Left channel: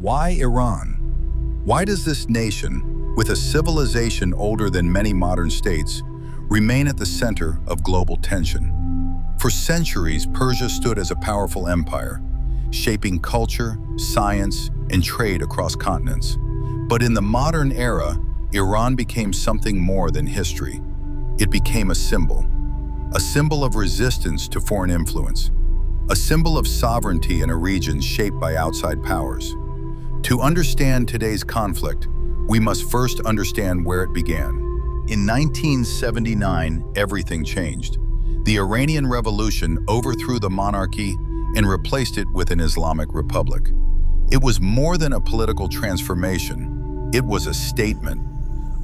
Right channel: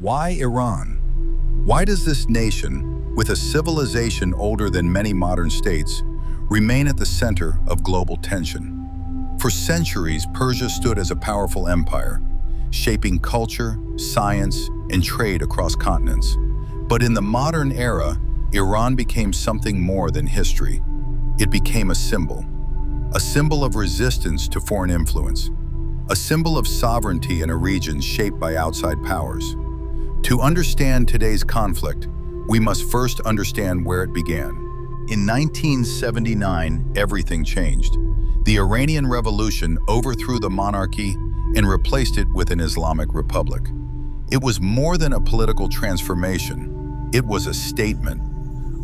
Why Iran? Why does this nation, with a civilization older than many modern states, remain at the center of global tension? For centuries, Persia stood as a powerful empire, shaping culture, science, and trade across continents. But in the modern era, Iran became something more than history. It became a symbol of resistance to foreign influence, a symbol of sovereignty in a region shaped by outside powers. To understand today's conflict, we must first understand where it began. In 1979, everything changed. The Iranian Revolution overthrew the monarchy and replaced it with an Islamic republic. It was more than a political transformation. It was a statement,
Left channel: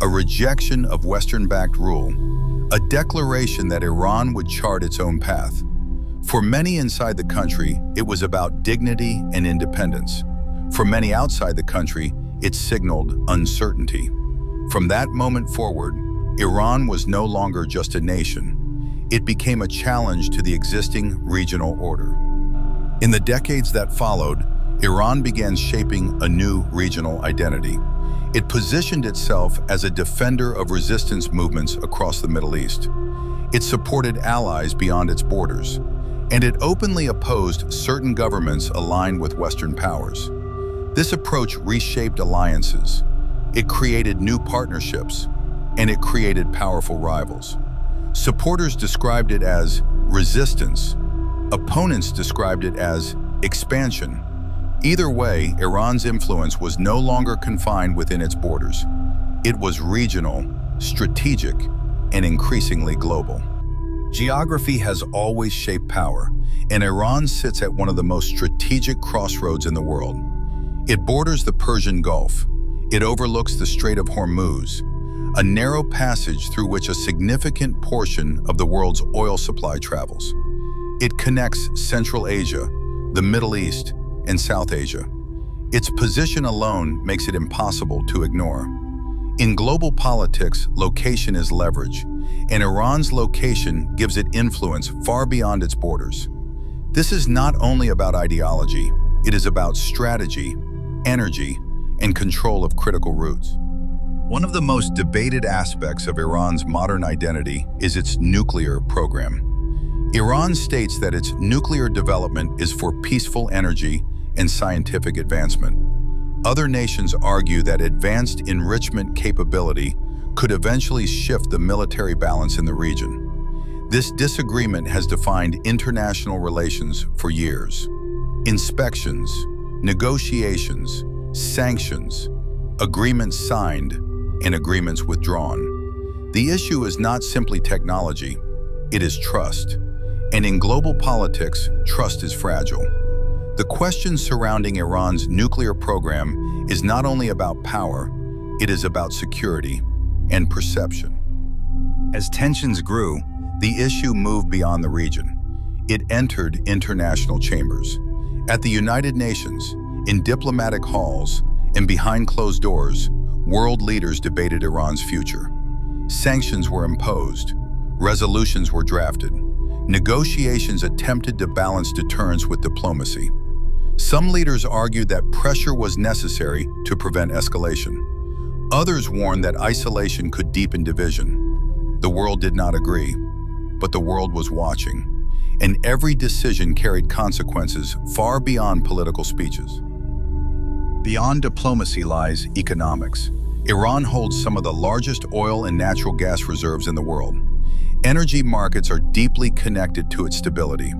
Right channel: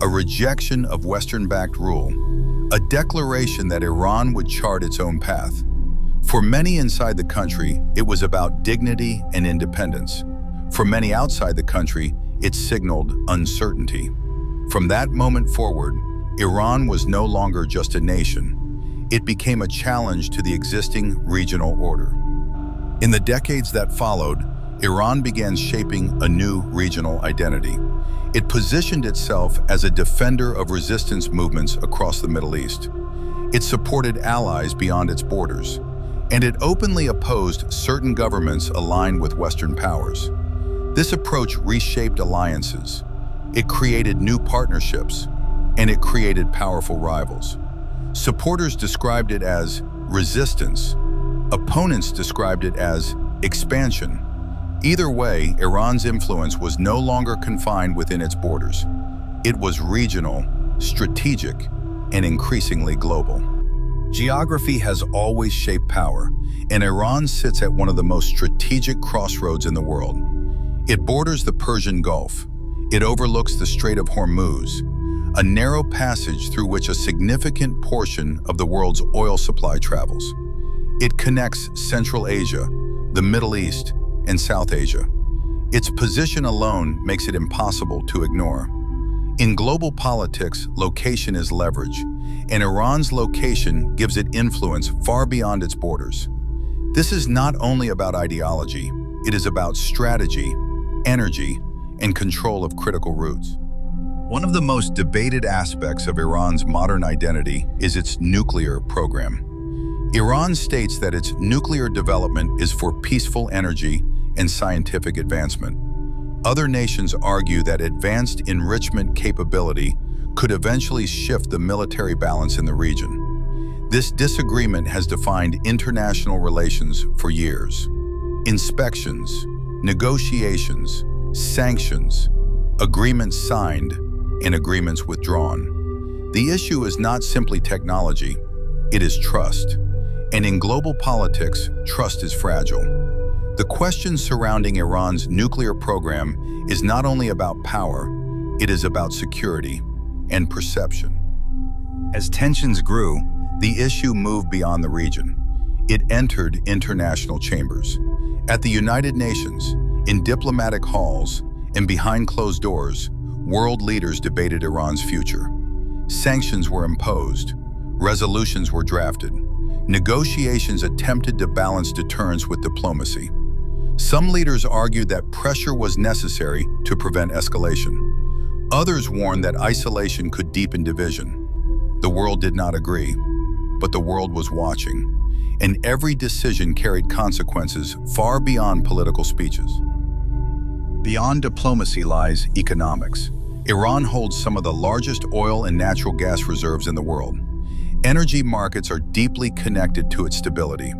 a rejection of Western-backed rule, a declaration that Iran would chart its own path. For many inside the country, it was about dignity and independence. For many outside the country, it signaled uncertainty. From that moment forward, Iran was no longer just a nation. It became a challenge to the existing regional order. In the decades that followed, Iran began shaping a new regional identity. It positioned itself as a defender of resistance movements across the Middle East. It supported allies beyond its borders, and it openly opposed certain governments aligned with Western powers. This approach reshaped alliances. It created new partnerships, and it created powerful rivals. Supporters described it as resistance. Opponents described it as expansion. Either way, Iran's influence was no longer confined within its borders. It was regional, strategic, and increasingly global. Geography has always shaped power, and Iran sits at one of the most strategic crossroads in the world. It borders the Persian Gulf. It overlooks the Strait of Hormuz, a narrow passage through which a significant portion of the world's oil supply travels. It connects Central Asia, the Middle East, and South Asia. Its position alone makes it impossible to ignore. In global politics, location is leverage, and Iran's location gives it influence far beyond its borders. This is not only about ideology, it is about strategy, energy, and control of critical routes. One of the most debated aspects of Iran's modern identity is its nuclear program. Iran states that its nuclear development is for peaceful energy and scientific advancement. Other nations argue that advanced enrichment capability could eventually shift the military balance in the region. This disagreement has defined international relations for years. Inspections, negotiations, sanctions, agreements signed, and agreements withdrawn. The issue is not simply technology, it is trust. And in global politics, trust is fragile. The question surrounding Iran's nuclear program is not only about power, it is about security and perception. As tensions grew, the issue moved beyond the region. It entered international chambers. At the United Nations, in diplomatic halls, and behind closed doors, world leaders debated Iran's future. Sanctions were imposed, resolutions were drafted, negotiations attempted to balance deterrence with diplomacy. Some leaders argued that pressure was necessary to prevent escalation. Others warned that isolation could deepen division. The world did not agree, but the world was watching, and every decision carried consequences far beyond political speeches. Beyond diplomacy lies economics. Iran holds some of the largest oil and natural gas reserves in the world. Energy markets are deeply connected to its stability.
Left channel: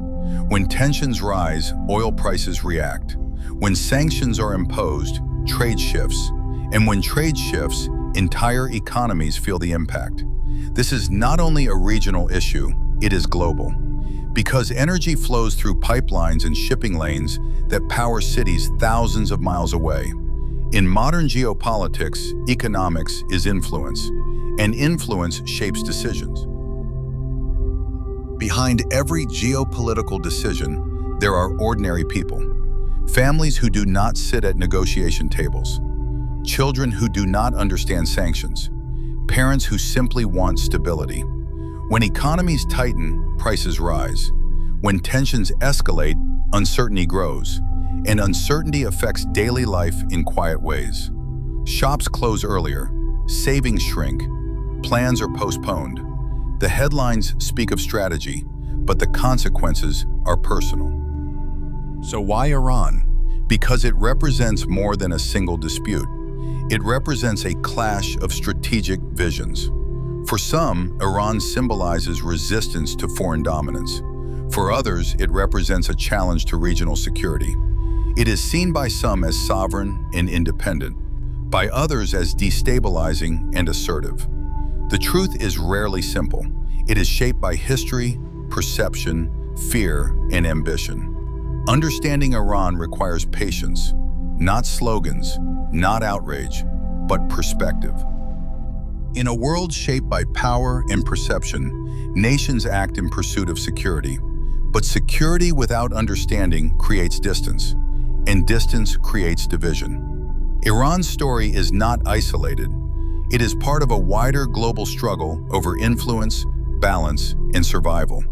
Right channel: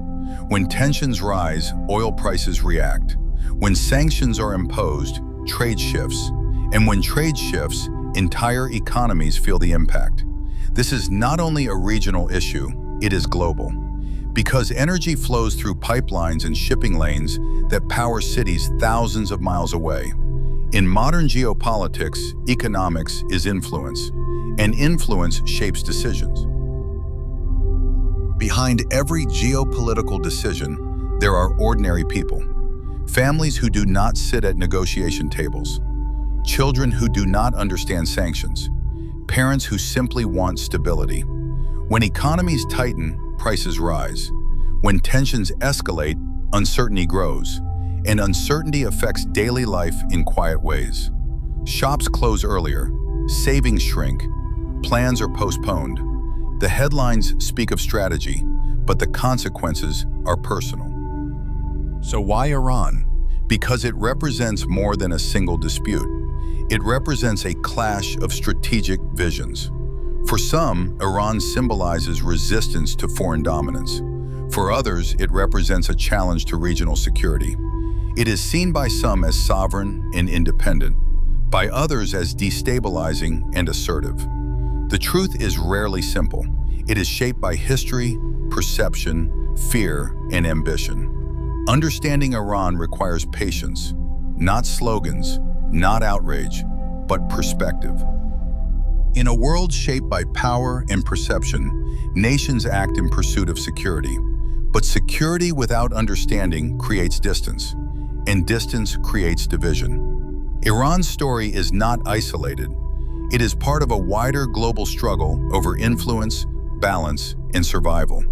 When tensions rise, oil prices react. When sanctions are imposed, trade shifts. And when trade shifts, entire economies feel the impact. This is not only a regional issue, it is global. Because energy flows through pipelines and shipping lanes that power cities thousands of miles away. In modern geopolitics, economics is influence, and influence shapes decisions. Behind every geopolitical decision, there are ordinary people. Families who do not sit at negotiation tables. Children who do not understand sanctions. Parents who simply want stability. When economies tighten, prices rise. When tensions escalate, uncertainty grows. and uncertainty affects daily life in quiet ways. Shops close earlier, savings shrink, plans are postponed. The headlines speak of strategy, but the consequences are personal. So why Iran? Because it represents more than a single dispute. It represents a clash of strategic visions. For some, Iran symbolizes resistance to foreign dominance. For others, it represents a challenge to regional security. It is seen by some as sovereign and independent, by others as destabilizing and assertive. The truth is rarely simple. It is shaped by history, perception, fear, and ambition. Understanding Iran requires patience, not slogans, not outrage, but perspective. In a world shaped by power and perception, nations act in pursuit of security. But security without understanding creates distance, and distance creates division. Iran's story is not isolated. It is part of a wider global struggle over influence, balance, and survival.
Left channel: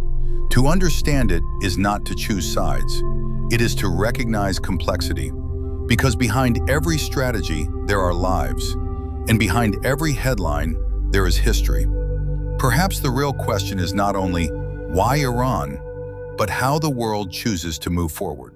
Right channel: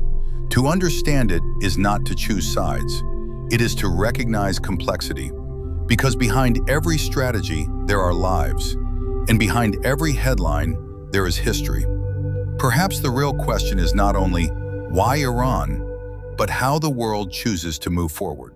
To understand it is not to choose sides. It is to recognize complexity. Because behind every strategy, there are lives. And behind every headline, there is history. Perhaps the real question is not only why Iran, but how the world chooses to move forward.